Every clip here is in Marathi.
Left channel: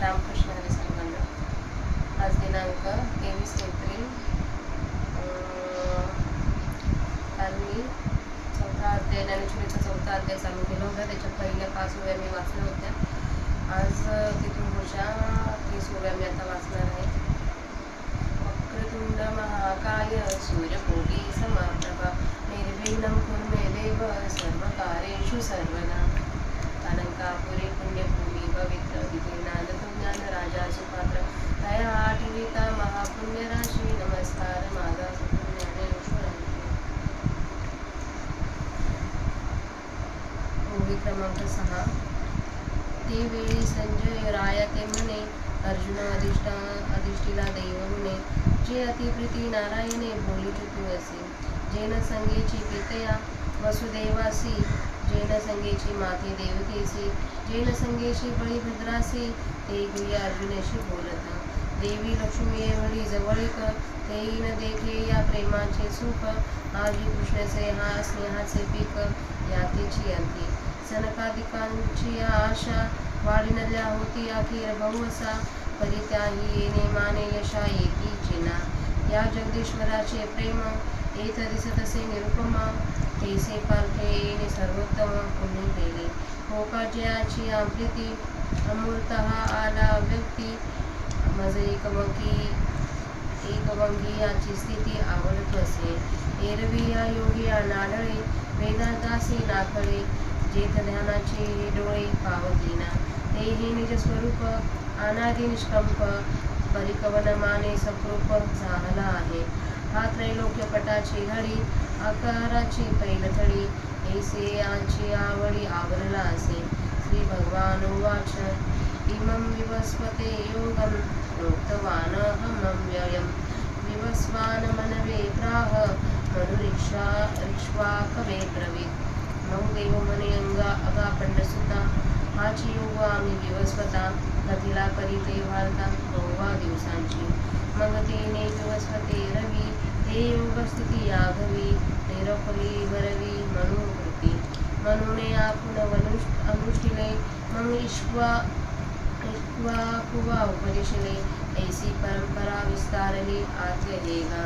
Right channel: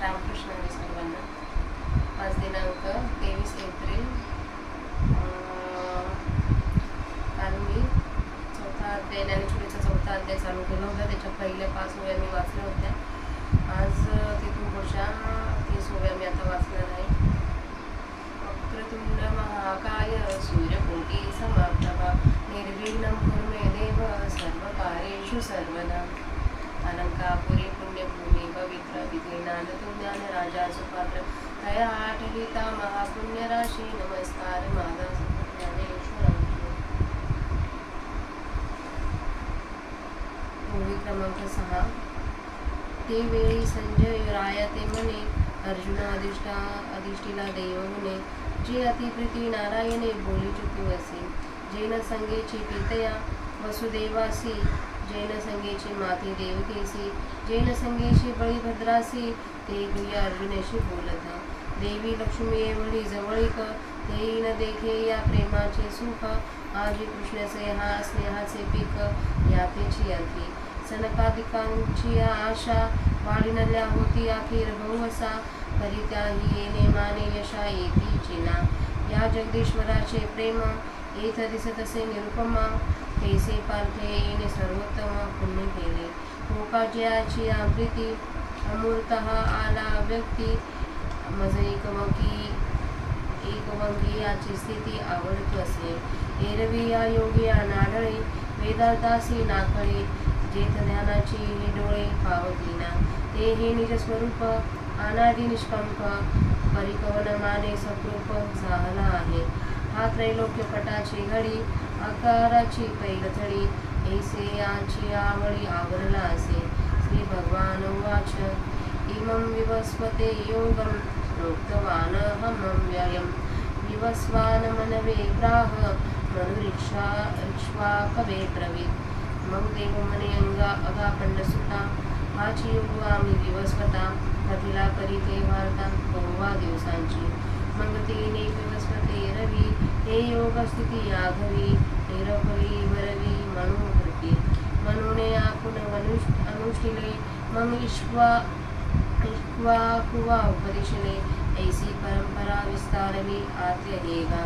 रामकृष्ण हरी सर्वांना. आज दिनांक 23 एप्रिल. काल मी चौथा अध्याय ज्ञानेश्वरीचा चौथा अध्याय चालू केला होता. त्याच्या पहिल्या 5 ओव्या मी वाचल्या होत्या. आज तिथून पुढच्या 30 ओव्या मी आता वाचणार आहे. वक्रतुंड महाकाय सूर्यकोटी समप्रभा निर्विघ्नं कुरु मे देव सर्वकार्येषु सर्वदा. अलंकापुरी पुण्यभूमी पवित्र विधे नांदतो ज्ञान राजा सुपात्र तया आठविता महापुण्य राशी नमस्कार माझा ज्ञानेश्वरांची. ओवी क्रमांक 6. ते वेळी संजय राया ते म्हणे, अर्जुन अधिष्ठीला दैवगुणे जे अतिप्रीती नारायणे बोलिचु तू असे. जेन संगेची पितया वसुदेवासी जेन संगेची माती देवकेसी जेन संगेची बळीभद्रासी ते गुह्य अर्जुनेशी बोलत. देवी लक्ष्मी एवढी जवळीक तेही न देखे या प्रेमाचे सुख. आजी कृष्णसे हा स्नेहाचे पीक यातेची अंती. सनकादिकांची आशा वाढिनल्या होती अखेर बहुवसा. परित्याही येणे माने यशा एकी चिना. या जगदीश्वराचे प्रेम येथ दिसतसे निरुपमा. तेसे पार्थे येणे सर्वोत्तम पुण्य केले. गोपाजयाची प्रीती अमूर्तः आला व्यक्ती. मज एकवंगी याची स्थिती आवडत असे. एरवी या योगी नाडळे वेदांतासी नाकळे. जेथ ध्यानाचे हे डोळे पावतीना ते हे निज स्वरूप अनादि निष्कंप. परिकवन माने सकृप झाला आहे. हा त्रैलोक्य पटाची घडी आकाराची पैलथडी. ऐसे याची आवडी आवरला असे. श्री भगवान उवाच इमं विवस्वते योगं प्रोक्तवान व्ययं विवस्वान मनवे प्राह मनुरिक्ष्वा कवे ब्रवीत. मग देव म्हणे अगापंडसुता हाची योग आम्ही विवस्वता. कथिला करीते वार्ता बहुवा दिवसांची. मग तेने विवस्वते रवी ते योग स्थिती याघवी. निरफली भरवी मनोकृती मनुने आपुन अनुष्ठिले. मग कुवा उपदिशले ऐसी परंपरा विस्तारली आद्यलेगा.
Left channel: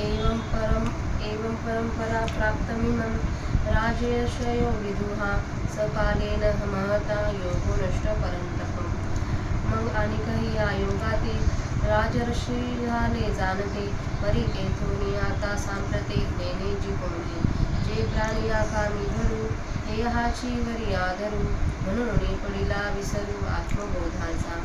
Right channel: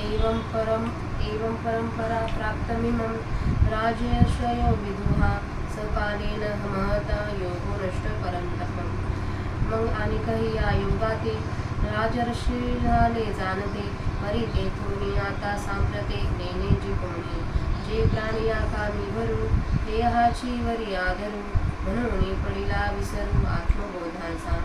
एवं परंपरा प्राप्तमिमं राजर्षयो विदुहा. सकालेन महता योगो नष्ट परंतपं. मग आणि काही या योगाते राजर्षी झाले जाणते. परी तेथोनी आता सांप्रते नेणे जिपुणे. जे प्राणी आकामी भरू देहाची वरी आधरू. म्हणून पडिला विसरू आत्मबोधांचा.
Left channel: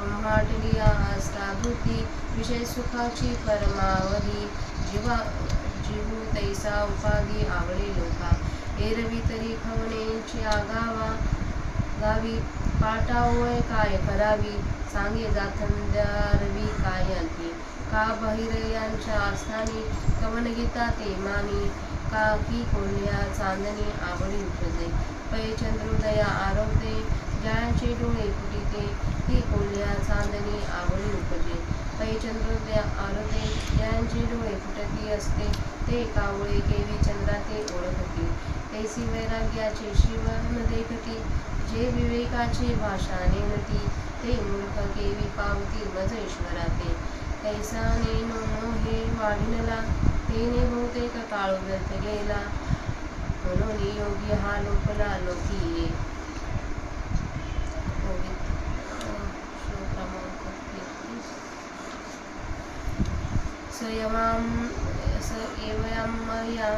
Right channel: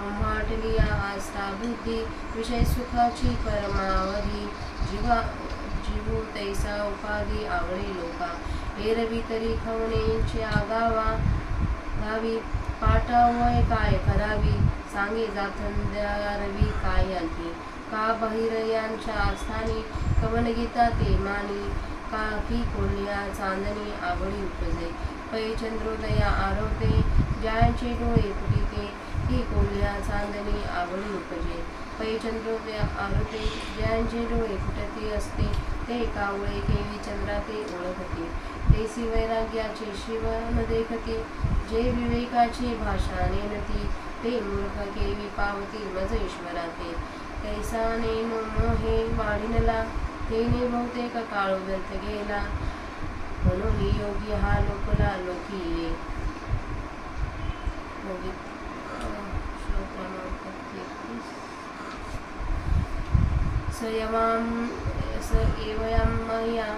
आम्हाटली आस्थाभूती विषय सुखाची परमावधी. जीवू तैसा उपाधी आवडे लोका. एरवी तरी खवणेंची गावी. पाटावय काय करावी सांगे जाथंद्यारवी काय अंती. का बहिरयांच्या स्थानी कवन गीता ते मानी. का की कोल्ह्या चांदणी आवडी उपजे. पै चंद्रोदया आरवते ज्यांचे डोळे फुटिते. ती कोल्ह्या चांदणी आवडी उपजे. पै चंद्रोदया आरवते ज्यांचे डोळे फुटती असते. ते कावळे केवी चंद्रा ते ओळखती. तेसी वैराग्याचे शिव न देखती. जे विवेकाची भाषा नेनती. ते मूर्ख केवी पावती मज ईश्वराते. कैसा नेनो मोहे वाढिनला. तेने बहुतेक काळ व्यर्थ गेला. म्हणून योगी हा लोकला लोकी ये. श्लोक क्रमांक 33. स एवं मह्या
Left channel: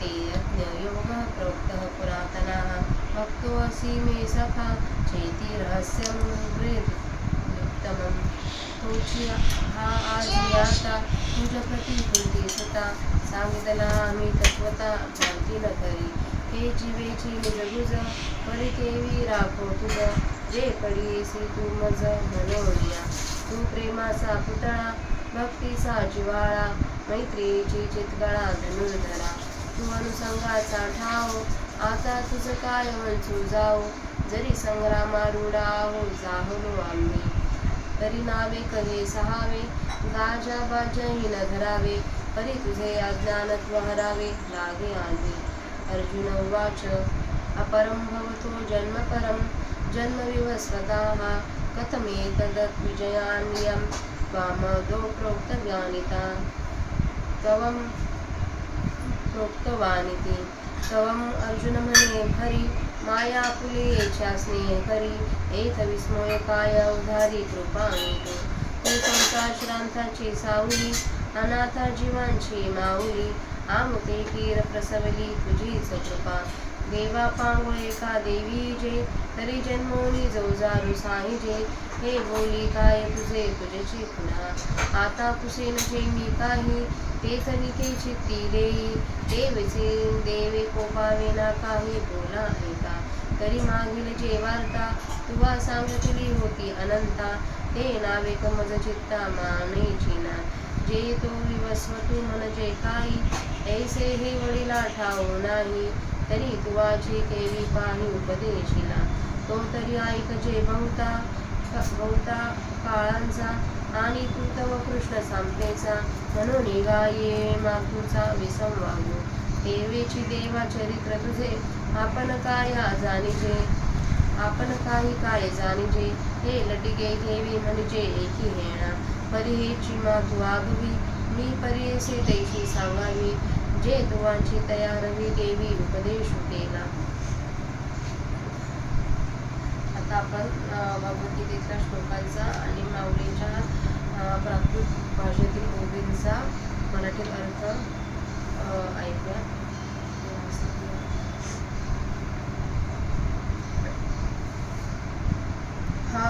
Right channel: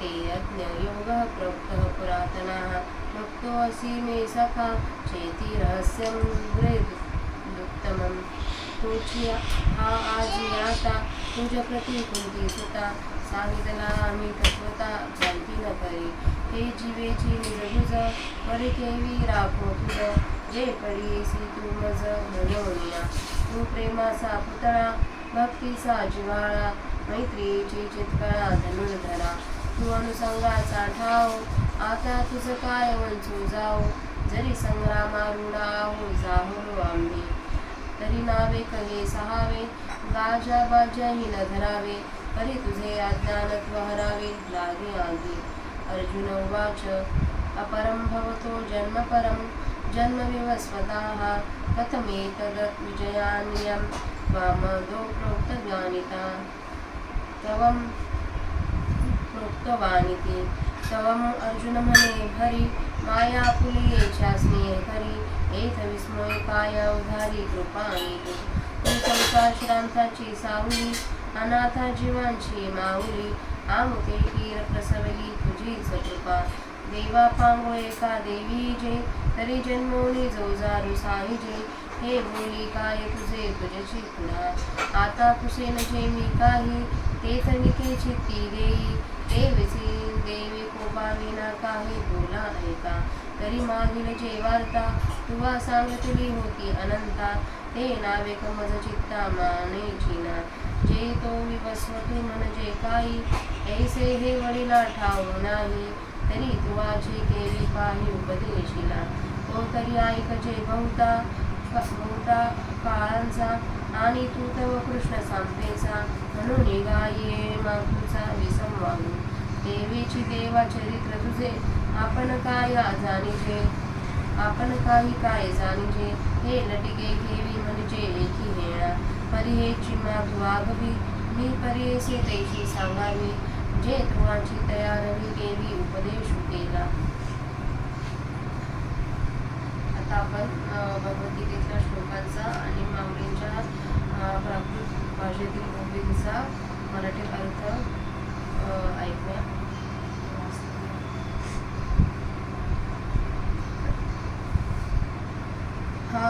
ते यज्ञयोगः प्रोक्तः पुरातनः. भक्तो असि मे सखा चेति रहस्यं हृदुत्तमं. तुझी हा आजी आता तुझ प्रती कुंती सुता. सांगितला आम्ही तत्वता भ्रांती न करी. हे जीवेची निजगुज परी केवी राखो तुझ. जे पडियेसी तू मज मनोनिया. तू प्रेमाचा पुतळा भक्तीचा जिव्हाळा. मैत्रीची चितकळा धनुर्धरा. तू अनुसंगाचा ठाव आता तुझ काय वंचू जाऊ. जरी संग्रामारूढा आहो जाहलो आम्ही. तरी नावे कहे सहावे गाजा बाजाही न धरावे. परी तुझे अज्ञानत्व हरावे लागे आधी. अर्जुन उवाच अपरं भवतो जन्म परं जन्म विवस्वतः कथमेतद्विजयान्यं त्वामदो प्रोक्तज्ञानिता तवं प्रोक्तवानिति तवम् अर्जुन म्हणे भरी माया फुले स्नेह करी एत विस्मय काय उधारी कृपानी तू संसार श्रांताची सावली अनाथा जीवांची माऊली आमुते कीर प्रसवली तुझीच कृपा देवा पांगो एका देवी जे तरी जन्मोनी जोजारू साहिजे हे बोली काय तुझे तुझ्याची खुणा आता कुसेन जे मी काही ते तनिके चित्ती देई देवीचे देवे कोपावेना काही बोला ऐका तरी मागील जे वार्ता तुवा सांगितली होती अनंता ते नावे कमज चित्ता मानेची ना जे तो विवस्वतू म्हणजे काही ऐसे हे वडिला ठाऊ नाही तरी तुवाची केली पाही उपदेशिला तो तरी ऐक जे बहुता काळांचा आणि तू तव कृष्ण सांगतेचा म्हणून गाये मागूचा विसंवादू देवीची देवा चरित्र तुझे आपण काही काय जाणीजे हे लटिके घेवी म्हणजे एकी हेणा परी हे चिमा तू आगवी मी परीसे तैशी सांगावी जे तुवाची तयारवी गेवी उपदेश केला. आता आपण भगवद्गीतेच्या श्लोकांचा आणि माऊलींच्या प्राकृत भाषेतील ओवींचा मराठी अर्थ ऐकूया. हा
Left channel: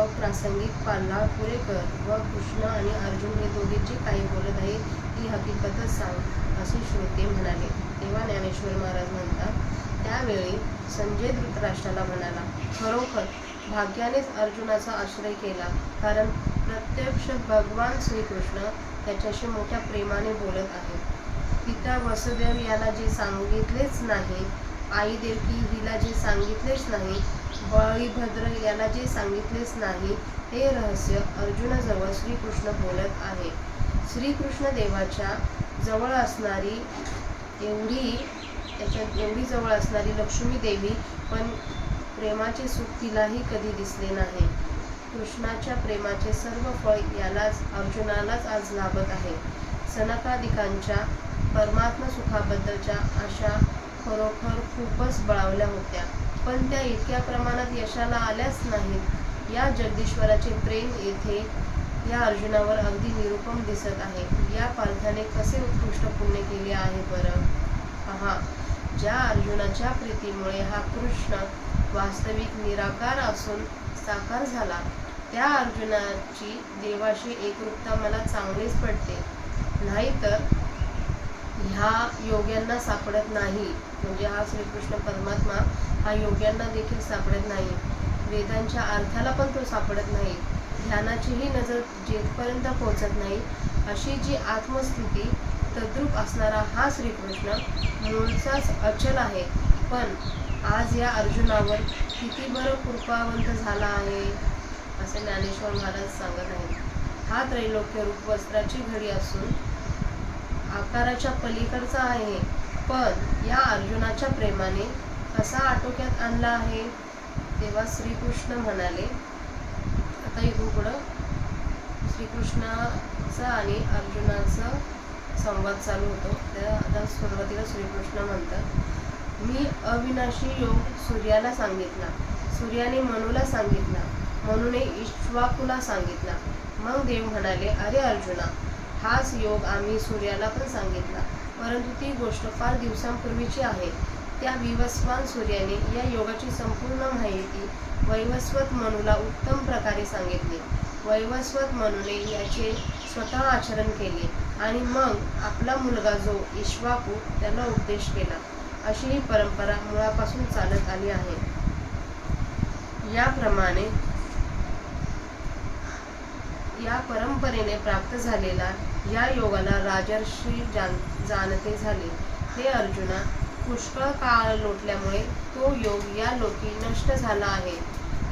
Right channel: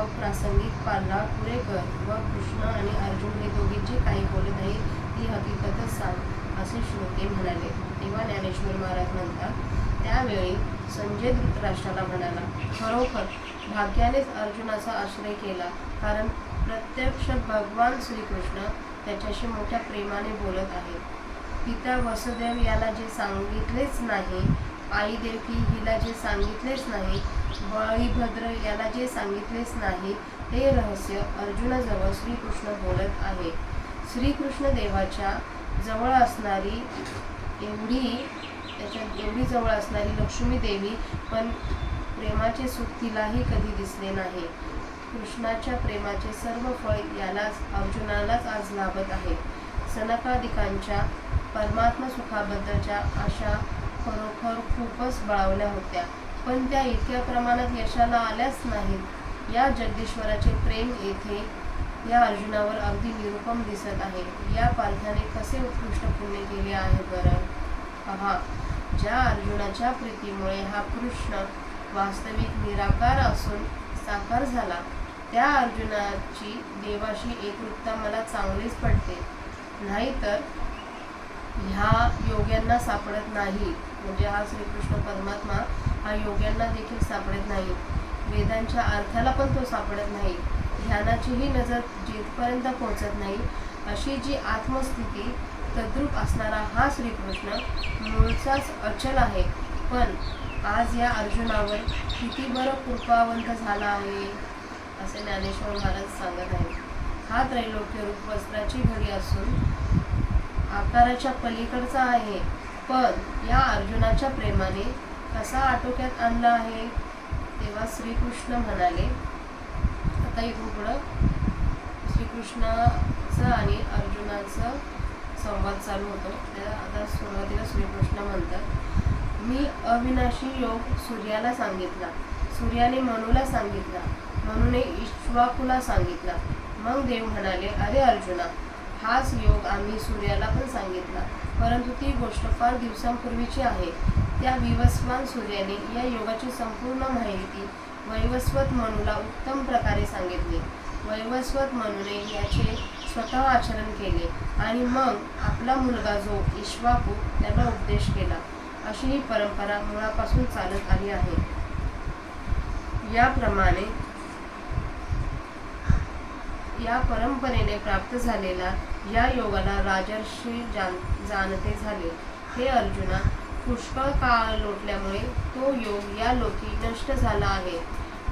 अप्रासंगिक पाला पुरे कर व कृष्ण आणि अर्जुन हे दोघे जे काही बोलत आहेत ती हकीकतच सांग असे श्लोके म्हणाले. तेव्हा ज्ञानेश्वर महाराज म्हणतात त्यावेळी संजय धृतराष्ट्राला म्हणाला खरोखर भाग्यानेच अर्जुनाचा आश्रय केला कारण प्रत्यक्ष भगवान श्रीकृष्ण त्याच्याशी मोठ्या प्रेमाने बोलत आहेत. पिता वसुदेव याला जे सांगितलेच नाही आई देवकी हिला जे सांगितलेच नाही बळीभद्र याला जे सांगितलेच नाही ते रहस्य अर्जुनाजवळ श्रीकृष्ण बोलत आहे. श्रीकृष्ण देवाच्या जवळ असणारी एवढी जवळ असणारी लक्ष्मी देवी पण प्रेमाचे सुख तिलाही कधी दिसले नाही. कृष्णाच्या प्रेमाचे सर्व फळ अर्जुनालाच आज लाभत आहे. सनकादिकांच्या परमात्मा सुखाबद्दलच्या आशा खरोखर खूपच बळावल्या होत्या पण त्या इतक्या प्रमाणात यशाला आल्याच नाहीत. या जगदीश्वराचे प्रेम येथे या अर्जुनावर अगदी निरुपम दिसत आहे. या पालख्याने कसे उत्कृष्ट पुण्य केले आहे बरं पहा. ज्या अर्जुनाच्या प्रीतीमुळे हा कृष्ण वास्तविक निराकार असून साकार झाला त्या अर्जुनाची देवाशी एकरूपता मला चांगलीच पडते. नाहीतर ह्या योग्यांना सापडत नाही. म्हणजे हा श्रीकृष्ण परमात्मा हा योग्यांना देखील सापडत नाही. वेदांच्या अर्थाला पण तो सापडत नाही. ध्यानाचीही नजर जेथपर्यंत पोहोचत नाही अशी जी आत्मस्थिती तद्रूप असणारा हा श्रीकृष्ण मूळचाच अचल आहे. पण आज या अर्जुनावर किती बरं कृपावंत झाला आहे असे ज्ञानेश्वर महाराज सांगत आहेत. हा त्रैलोक्य रूप वस्त्राची घडी असून आकाराच्या पलीकडचा आहे पण या अर्जुनाच्या प्रेमाने कसा आटोक्यात आणला आहे. तेव्हा श्रीकृष्ण म्हणाले आता इथून पुढं श्रीकृष्णाचा आणि अर्जुनाचा संवाद चालू होतो. त्या आता सुरुवातीला श्रीकृष्ण म्हणतात मी अविनाशी योग सूर्याला सांगितला सूर्याने मनूला सांगितला मनूने इक्ष्वाकुला सांगितला. मग देव म्हणाले अरे अर्जुना हाच योग आम्ही सूर्याला पण सांगितला परंतु ती गोष्ट फार दिवसांपूर्वीची आहे. त्या विवस्वान सूर्याने या योगाची संपूर्ण माहिती वैवस्वत मनूला उत्तम प्रकारे सांगितली. वैवस्वत मनूने याचे स्वतः आचरण केले आणि मग आपला मुलगा जो इक्ष्वाकू त्याला उपदेश केला. अशी ही परंपरा मुळापासून चालत आली आहे. या परंपरेने प्राप्त झालेला या योगाला राजर्षी जाणते झाले. हे अर्जुना पुष्कळ काळ लोटल्यामुळे तो योग या लोकी नष्ट झाला आहे.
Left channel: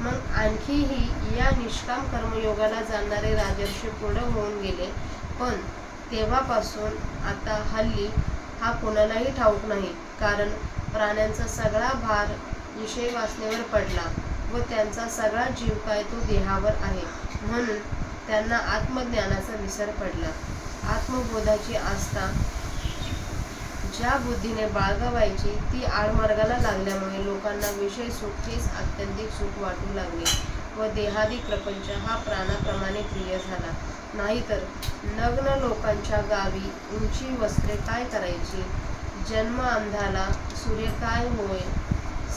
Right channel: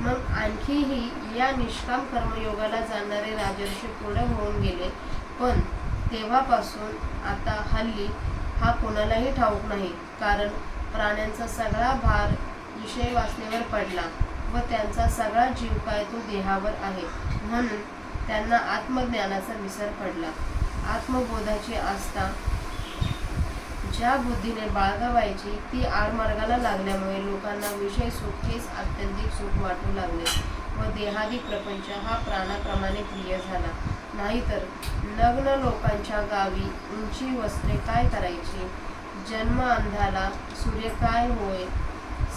मग आणखीही या निष्काम कर्मयोगाला जाणणारे राजर्षी पूर्ण होऊन गेले पण तेव्हापासून आता हल्ली हा कोणालाही ठाऊक नाही, कारण प्राण्यांचा सगळा भार विषय वासनेवर पडला व त्यांचा सगळा जीव काय तो देहावर आहे, म्हणून त्यांना आत्मज्ञानाचा विसर पडला. आत्मबोधाची आस्था ज्या बुद्धीने बाळगावायची ती आडमार्गाला लागल्यामुळे लोकांना विषय सुख हेच आत्यंतिक सुख वाटू लागले व देहादी प्रपंच हा प्राणाप्रमाणे प्रिय झाला. नाहीतर नग्न लोकांच्या गावी उंची वस्त्रे काय करायची, जन्म अंधाला सूर्य काय होय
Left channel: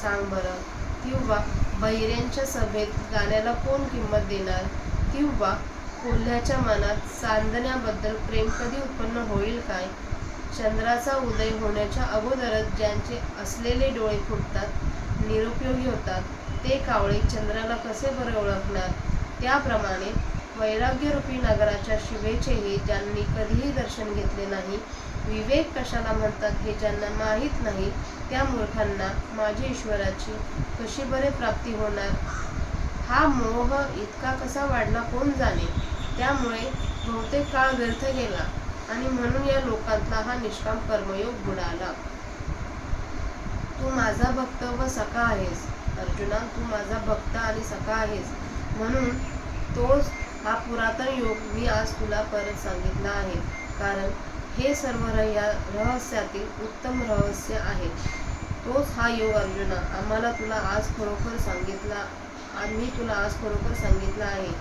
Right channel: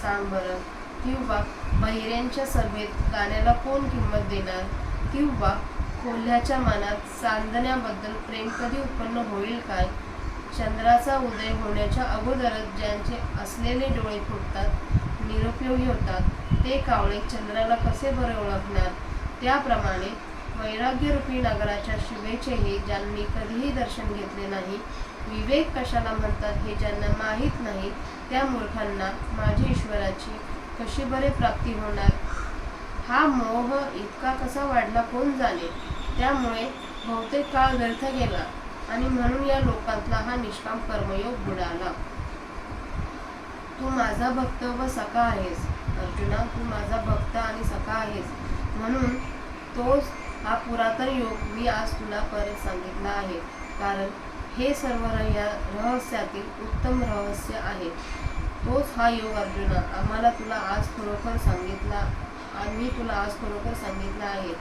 सांग बरं, किंवा बहिऱ्यांच्या सभेत गाण्याला कोण किंमत देणार, किंवा कोल्ह्याच्या मनात चांदण्याबद्दल प्रेम कधी उत्पन्न होईल काय. चंद्राचा उदय होण्याच्या अगोदरच ज्यांचे असलेले डोळे फुटतात, निरुपयोगी होतात, ते कावळे चंद्राला कसे बरे ओळखणार. त्याप्रमाणे वैराग्यरूपी नगराच्या शिवेचेही ज्यांनी कधीही दर्शन घेतले नाही, विवेक कशाला म्हणतात हे ज्यांना माहीत नाही, त्या मूर्खांना माझ्या ईश्वराची कशी बरे प्राप्ती होणार. हा मोह इतका कसा वाढला कोण जाणे. त्यामुळे बहुतेक काळ व्यर्थ गेला आणि म्हणून या लोकांतला हा निष्काम कर्मयोग बुडाला. तू माझा भक्त व सखा आहेस अर्जुना, तू माझा भक्त आणि सखा आहेस, म्हणून तोच हा पुरातन योग मी आज तुला परत सांगितला आहे. कारण हे सर्व रहस्यातील उत्तम रहस्य आहे. तोच हा योग अर्जुना आम्ही तुला आज खरोखर सांगितला आहे.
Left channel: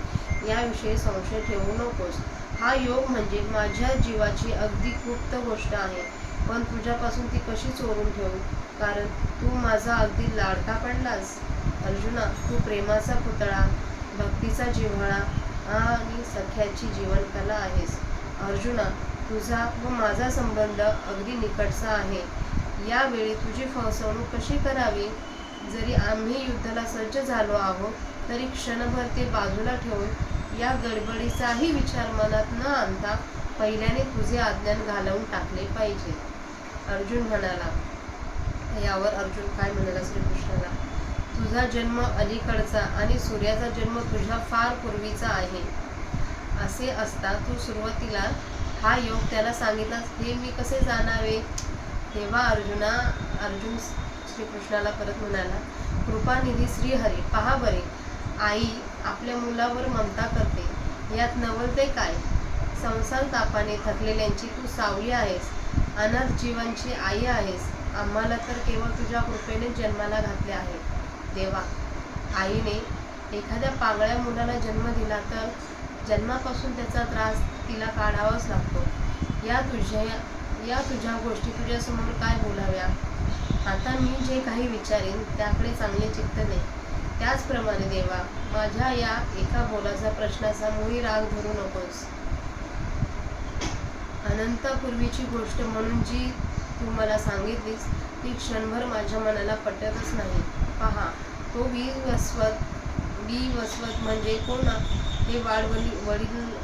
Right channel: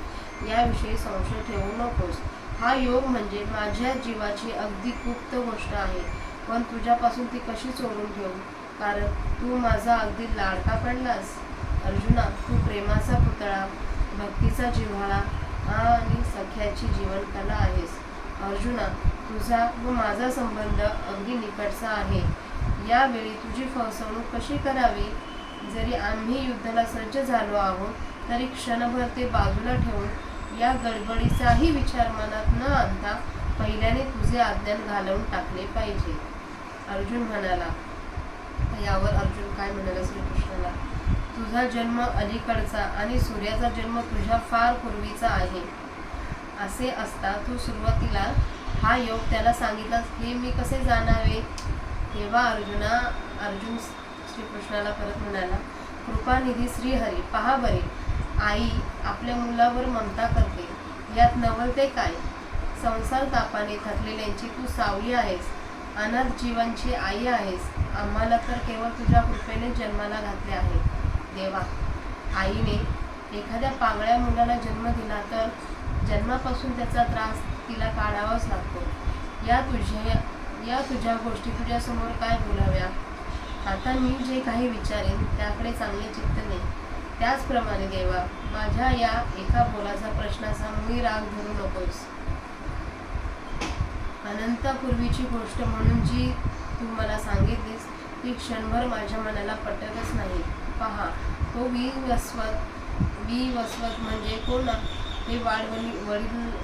याविषयी संशय ठेवू नकोस. हा योग म्हणजे माझ्या जीवाची अगदी गुप्त गोष्ट आहे, पण तुझ्यापासून ती कशी चोरून ठेवू, कारण तू माझा अगदी लाडका पडलास. अर्जुना, तू प्रेमाचा पुतळा, भक्तीचा जिव्हाळा आणि सख्याची जीवनकला आहेस. अर्जुना, तुझा व माझा संबंध अगदी निकटचा आहे. यावेळी तुझी फसवणूक कशी करावी. जरी आम्ही युद्धाला सज्ज झालो आहोत, तरी क्षणभर ते बाजूला ठेवून या गडबडीचाही विचार मनात न आणता पहिल्याने तुझे आज्ञान घालवून टाकले पाहिजे. अर्जुन म्हणाला. यावर अर्जुन काय म्हणाला श्रीकृष्णाला, तुझा जन्म अलीकडचा आणि सूर्याचा जन्म तुझ्या फार पूर्वीचा आहे. असे असता तू सुरुवातीला हा योग त्याला सांगितलास हे मी कसे जाणावे. तेव्हा अर्जुन श्रीकृष्णाला परत म्हणाला, कृपानिधी श्रीहरी, पहा बरे, आई आपल्या मुलावर ममता करते, यात नवलते काय. संसार तापाने थकलेल्यांची तू सावली आहेस, अनाथ जीवांची आई आहेस. आम्हाला तर केवळ तुझ्या कृपेने जन्माला घातले आहे. देवा, आईने एखाद्या पांगळ्या मुलाला जन्म दिला तर जन्मापासून त्याचा त्रास तिला काढावाच लागतो. या तुझ्या गोष्टी तुझ्यासमोर काय बोलाव्या. आता मी जे काही विचारेन त्याकडे चांगले चित्त दे. त्याचप्रमाणे देवा, माझ्या या एका बोलाचा प्रश्नाचा मुळी राग धरू नकोस. अनंतापूर्वीची गोष्ट म्हणून जी तू मला सांगितलीस ती क्षणभर माझ्या मनाला पटतच नाही. पहा, तो विवस्वत म्हणजे कोण हे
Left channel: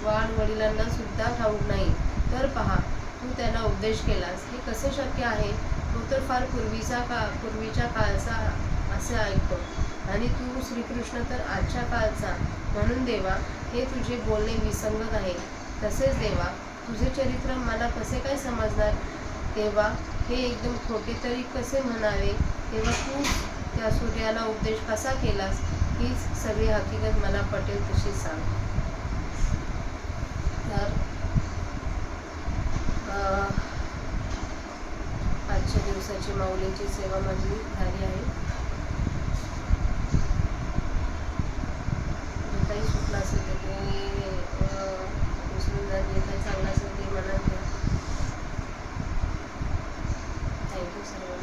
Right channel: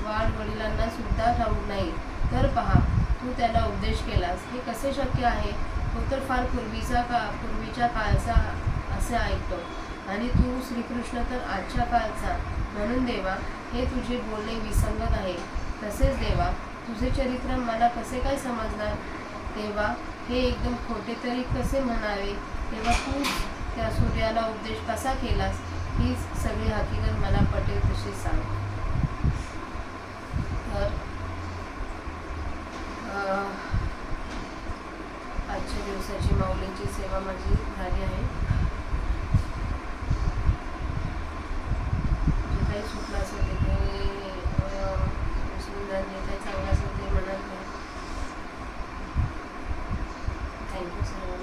वाडवडिलांना सुद्धा ठाऊक नाही. तर पहा, तू त्याला उपदेश केलास हे कसे शक्य आहे. तो तर फार पूर्वीच्या काळचा असे ऐकतो आणि तू श्रीकृष्ण तर आजच्या काळचा. म्हणून देवा, हे तुझे बोलणे विसंगत आहे. तसेच देवा, तुझे चरित्र मला कसे काय समजणार. तेव्हा हे एकदम खोटे तरी कसे म्हणावे. तेव्हा तू त्या सूर्याला उपदेश कसा केलास हीच सगळी हकीकत मला पटेल तशी सांग. तर आजच्या दिवसाची माऊलींची सेवा माझी झाली आहे. जे काही चुकलं असेल ते जे काही चांगलं असेल ते मनात घ्या. थँक्यू सर्वांना.